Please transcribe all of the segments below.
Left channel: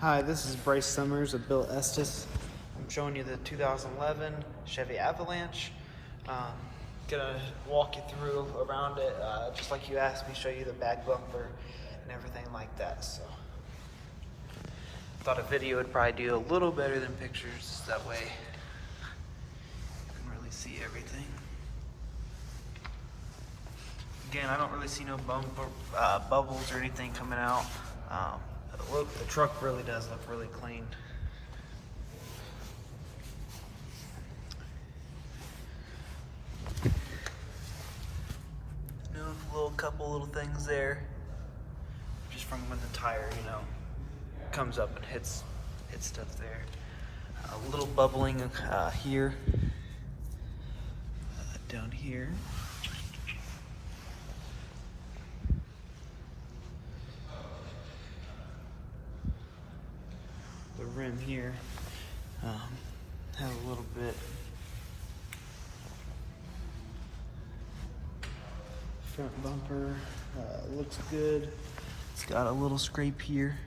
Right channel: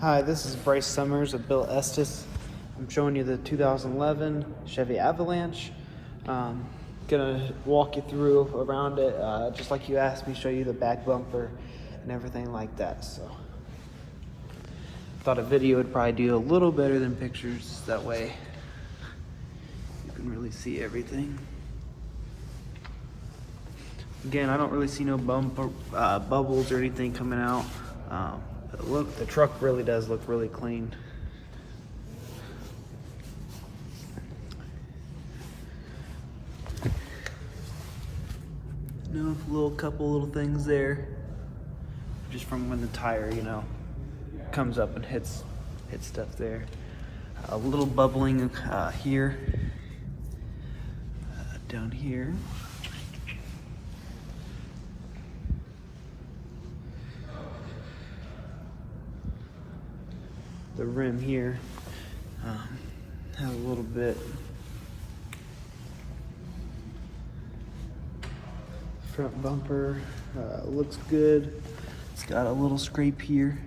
Hi, this is Bryce Summers of Bill Estes. I'm showing you the 2011 Chevy Avalanche. Gonna walk you through around it, just like you asked me, show you the back bumper and everything like that. So, thought a video would probably do a little better than pictures. That way, you can really see everything. Again, I don't really see no bubbles or anything coming out. Look, the truck really does look really clean. Couple little things there, just from when the tire, comes up and hits stuff there. A little bubbling here, down here. The rim here has a little bit. Front bumper looks good. It's got a little scrape here.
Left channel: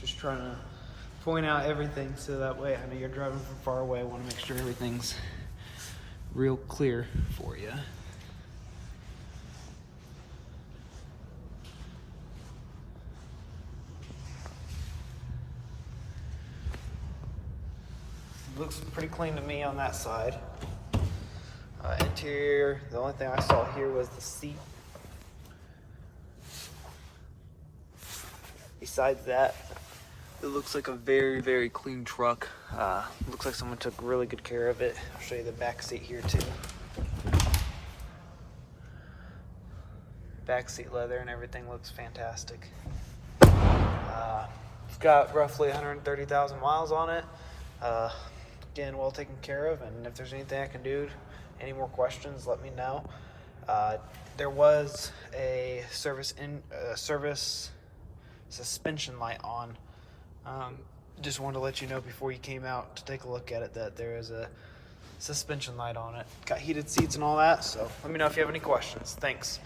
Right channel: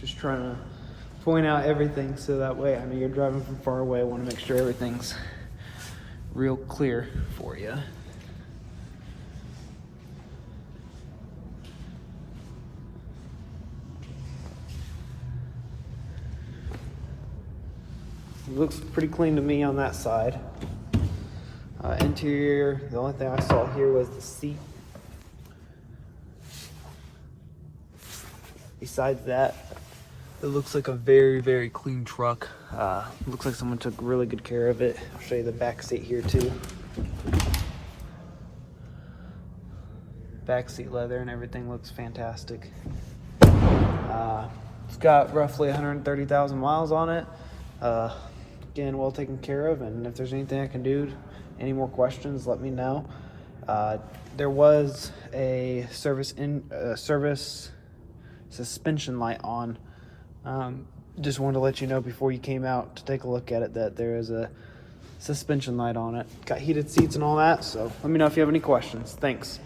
Just trying to point out everything so that way, you're driving from far away, want to make sure everything's real clear for you. It looks pretty clean to me on that side. Interior, the only thing I saw here was the seat. Besides that, it looks like a very, very clean truck. It looks like someone took really good care of it. I'll show you the back seat here too. Back seat leather and everything looks fantastic. It's got roughly 130,000 miles on it. Again, well taken care of, and if there's anything I can do, any more questions, let me know. There was a service suspension light on. Just wanted to let you know before you came out to take a look at it that there is a suspension light on it. Got heated seats and all that, so let me know if you have any questions. Thanks.